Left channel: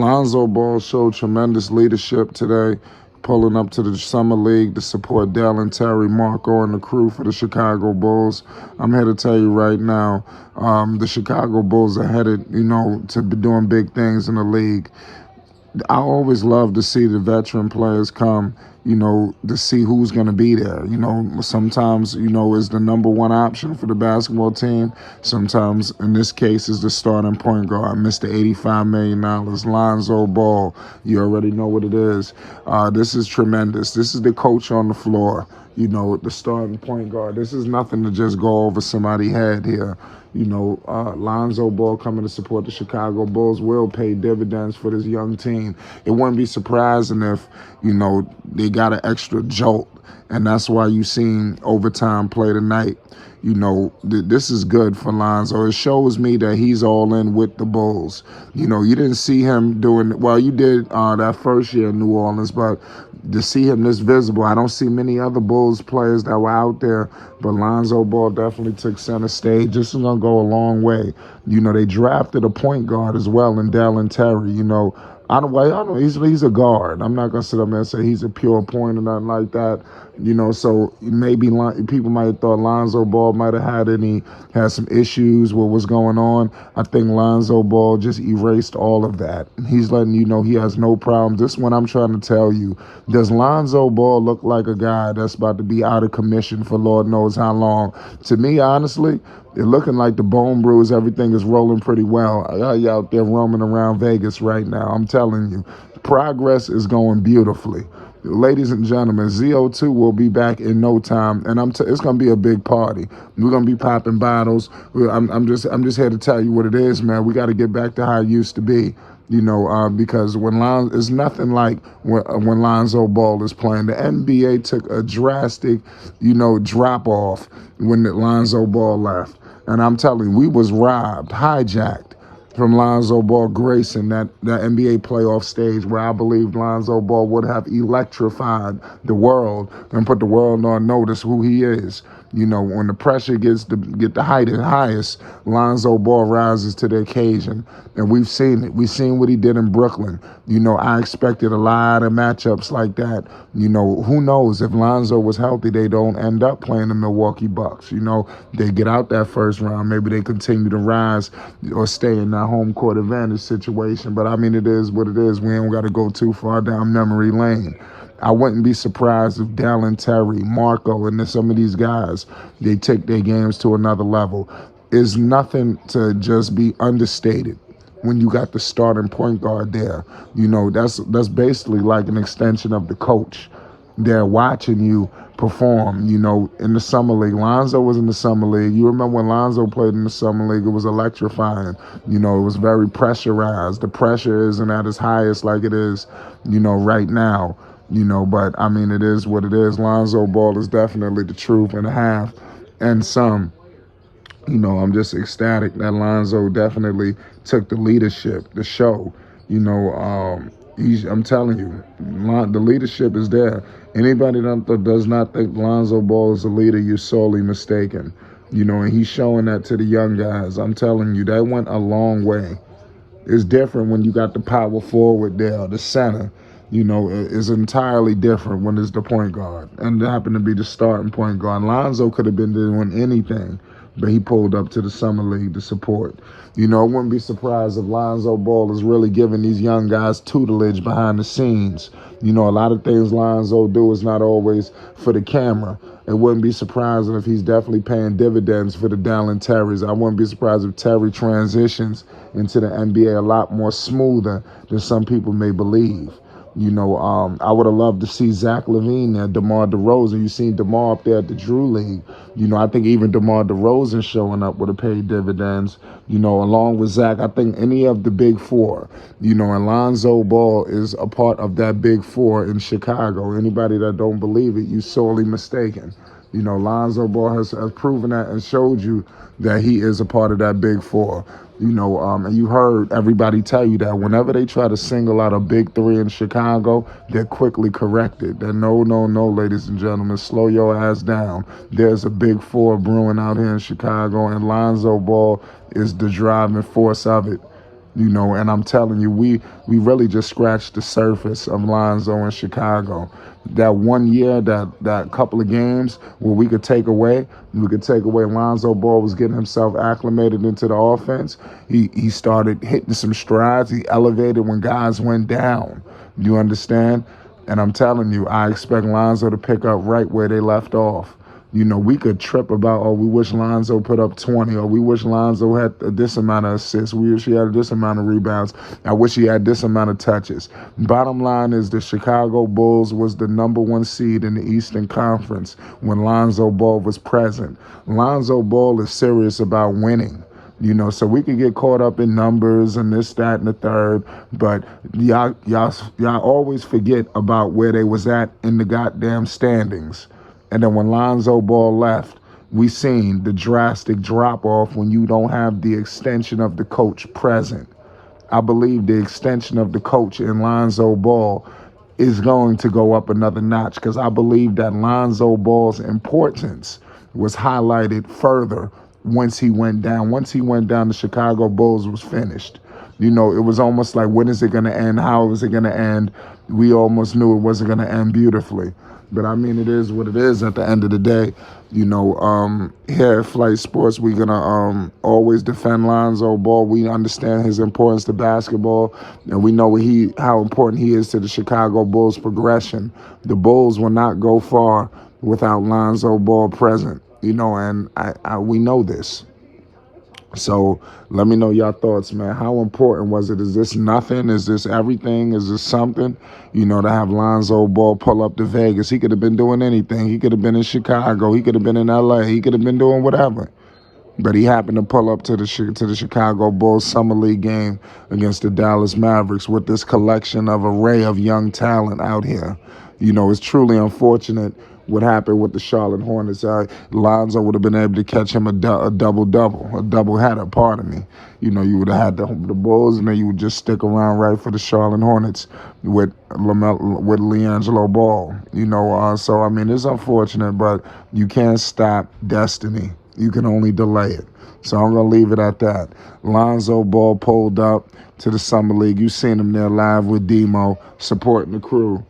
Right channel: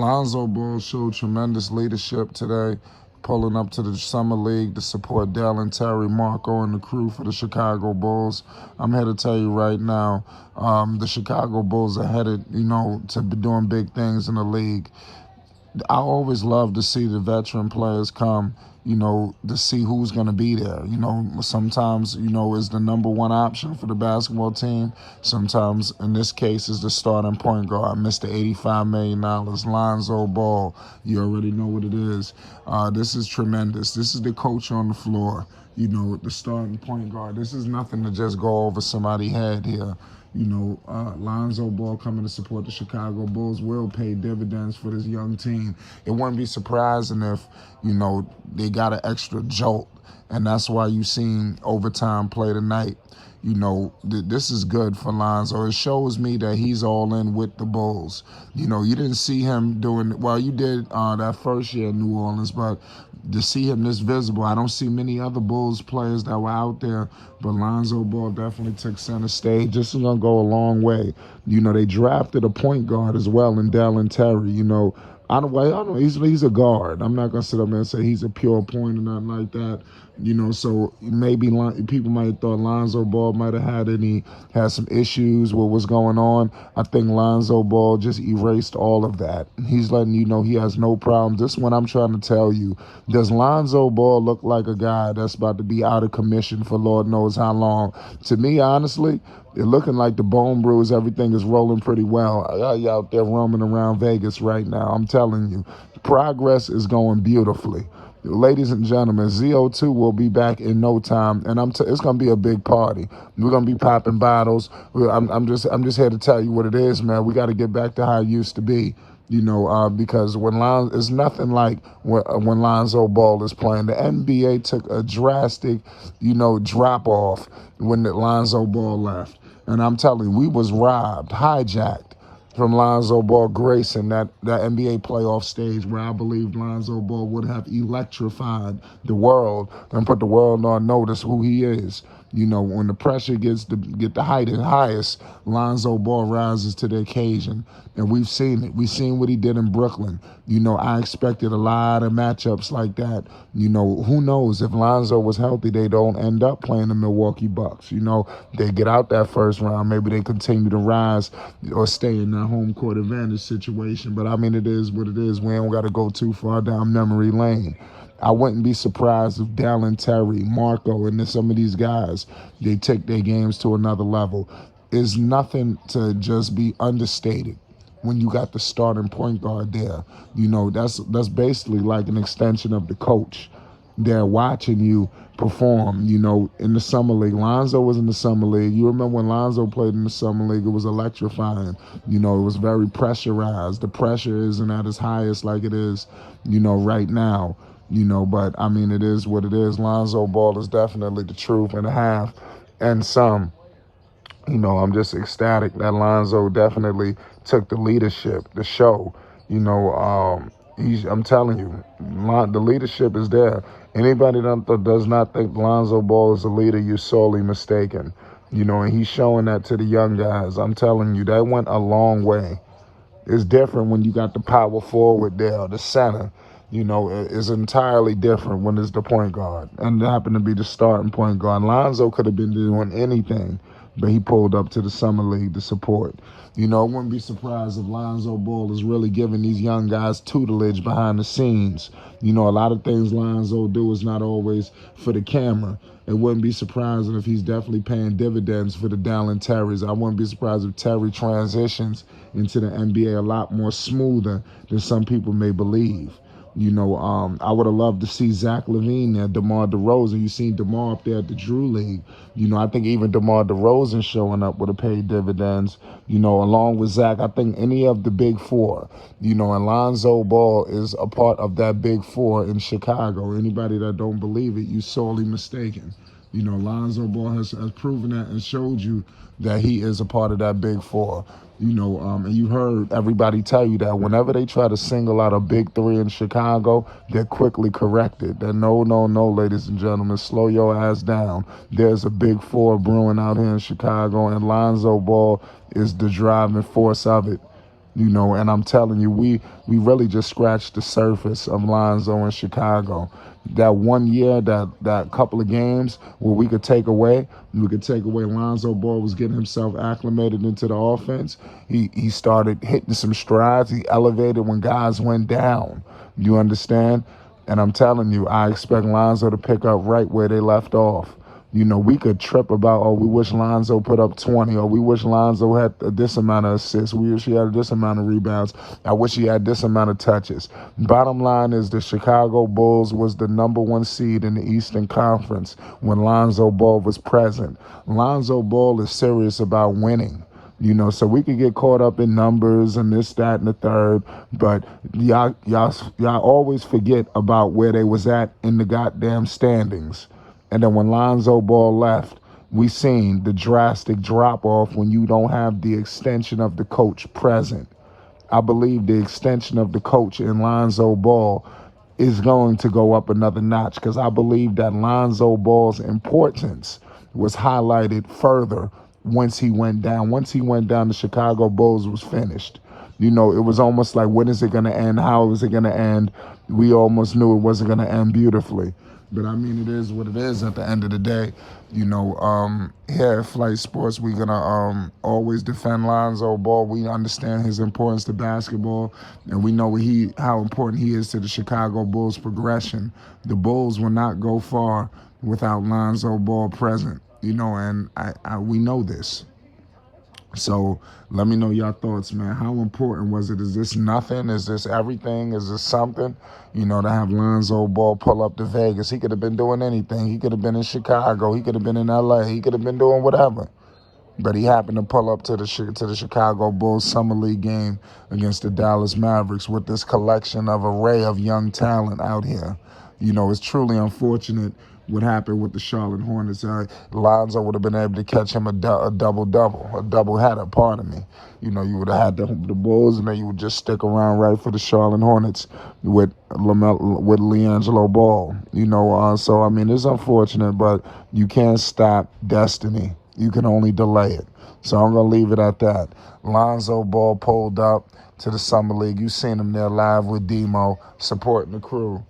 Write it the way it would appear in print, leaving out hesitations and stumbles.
Lonzo Ball showed tremendous leadership today, pulling up to the Summer League to support Dalen Terry, Marco, and the crew for the Chicago Bulls. I'm here to tell you right now, the Chicago Bulls are headed, to be doing big things in the league. I always love to see the veteran players come, to see who's going to be there. Sometimes, is the number one option for the basketball team. Sometimes, in this case, is the starting point guard, Mr. $85 million, Lonzo Ball. You already know what it is. This is tremendous. This is the coach on the floor, the starting point guard. This is nothing to just go over somebody's head here. Lonzo Ball coming to support the Chicago Bulls will pay dividends for this young team. It wouldn't be surprising if, they got an extra jolt, and that's why you seen overtime play tonight. This is good for Lonzo. It shows me that he's all in with the Bulls. You didn't see him doing, well, you did that first year in New Orleans, but to see him this visible, I don't see many other Bulls players that were out there, but Lonzo Ball definitely took center stage. This is going to go a long way. They drafted a point guard as well in Dalen Terry. I don't know. He's a guard. I'm not gonna sit up there and say he's a pure point or nothing like that. So maybe people might have thought Lonzo Ball might have had some issues with what's going on. I think Lonzo Ball just erased all of that. He's letting you know he has no problem. This one I'm trying to tell you. Does Lonzo Ball look like a guy that's about to be out of commission for Lord knows how long? To me, honestly, they're looking like the Bone Brews. Everything is rolling pretty well. You out there roaming around Vegas right now. I'm telling you, progress is going beautifully. Ladies and gentlemen, ZO2 will be back in no time, and it's going to be a big party. We're going to be popping bottles. I'm just here to tell you what it is, man. We got to get back to how it used to be. Because it's nothing like when Lonzo Ball is playing. The NBA took a drastic, drop off when Lonzo Ball left. And I'm telling you, we was robbed, hijacked from Lonzo Ball gracing that NBA playoff stage where I believe Lonzo Ball would have electrified the world and put the world on notice who he is. When the pressure gets to get the highest, Lonzo Ball rises to the occasion. And we've seen it. We've seen what he did in Brooklyn. I expected a lot of matchups like that. Who knows if Lonzo was healthy, they don't end up playing the Milwaukee Bucks. They get out that first round. Maybe they continue to rise or stay in that home court advantage situation. But I mean, it is what it is. We ain't got to go too far down memory lane. I wouldn't be surprised if Dalen Terry, Marco, and some of these guys, they take their games to another level. It's nothing to just be understated when you got the starting point guard there. That's basically like an extension of the coach. They're watching you perform, in the Summer League. Lonzo was in the Summer League. You remember when Lonzo played in the Summer League, it was electrifying. It was very pressurized. The pressure isn't at its highest like it is, right now. But I mean, it is what it is. Lonzo Ball is definitely the truth and a half and some. I'm just ecstatic that Lonzo definitely took the leadership, the show. I'm telling you, the leadership is there. Anybody that does not think Lonzo Ball is a leader, you're sorely mistaken. And he's showing that to the young guys. I'm telling you, that went a long way. It's different when you got the power forward there, the center. Is entirely different when it's the point guard. And it happened to be the starting point guard. Lonzo could have been doing anything, but he pulled up to the Summer League to support. I wouldn't be surprised if Lonzo Ball is really giving these young guys tutelage behind the scenes. A lot of things Lonzo do is not always for the camera. It wouldn't be surprising if he's definitely paying dividends for the Dalen Terrys. I wouldn't be surprised if Terry transitions into the NBA a lot more smoother than some people may believe. I would have loved to see Zach LaVine there, DeMar DeRozan. You seen DeMar up there at the Drew League. I think even DeMar DeRozan showing up would have paid dividends. Along with Zach, I think any of the big four. And Lonzo Ball is a part of that big four in Chicago. Anybody that don't believe it, you sorely mistaken. Lonzo Ball has proven that and showed you that he is a part of that big four. And you heard everybody tell you that whenever they try to single out a big three in Chicago, they're quickly corrected. That no, ladies and gentlemen, slow your ass down. There's a big four brewing out here in Chicago, and Lonzo Ball is the driving force of it. And I'm telling you, we really just scratched the surface of Lonzo in Chicago. That one year, that couple of games where we could take away Lonzo Ball was getting himself acclimated into the offense. He started hitting some strides. He elevated when guys went down. You understand? And I'm telling you, I expect Lonzo to pick up right where they left off. We could trip about, oh, we wish Lonzo put up 20, or we wish Lonzo had this amount of assists, we wish he had this amount of rebounds, I wish he had this amount of touches. Bottom line is the Chicago Bulls was the #1 seed in the Eastern Conference when Lonzo Ball was present. Lonzo Ball is serious about winning. So we could get caught up in numbers and this, that, and the third, but y'all always forget about where they was at in the goddamn standings. And then when Lonzo Ball left, we seen the drastic drop-off when you don't have the extension of the coach present. I believe the extension of the coach in Lonzo Ball is going to go up another notch, because I believe that Lonzo Ball's importance was highlighted further once he went down. Once he went down, the Chicago Bulls was finished. It was almost like, when is it going to end? How is it going to end? We almost knew it wasn't going to end beautifully. But I mean, it is what it is at the end of the day. Here at Flight Sports, we're going to always defend Lonzo Ball. We understand his importance to basketball, and we know how important he is to the Chicago Bulls' progression. The Bulls will not go far without Lonzo Ball present, and we know this. So let me know your thoughts, man. How important was it? Is this nothing? Is this everything? Is this something? To have Lonzo Ball pull up to Vegas. He could have been doing anything. He could have been in Chicago. He could have been in LA. He could have been doing whatever. But he happened to pull up to the Chicago Bulls Summer League game against the Dallas Mavericks with this collection of array of young talent out here. It's truly unfortunate what happened with the Charlotte Hornets. Lonzo would have been able to catch him a double-header, pardon me. You would have had the Bulls, and then you would just stick around right for the Charlotte Hornets with LiAngelo Ball. So, I mean, it's unfortunate, but you can't stop destiny. You can only delay it. So I'm going to leave it at that. Lonzo Ball pulled up to the Summer League. You seen him there live with Demo, supporting the crew.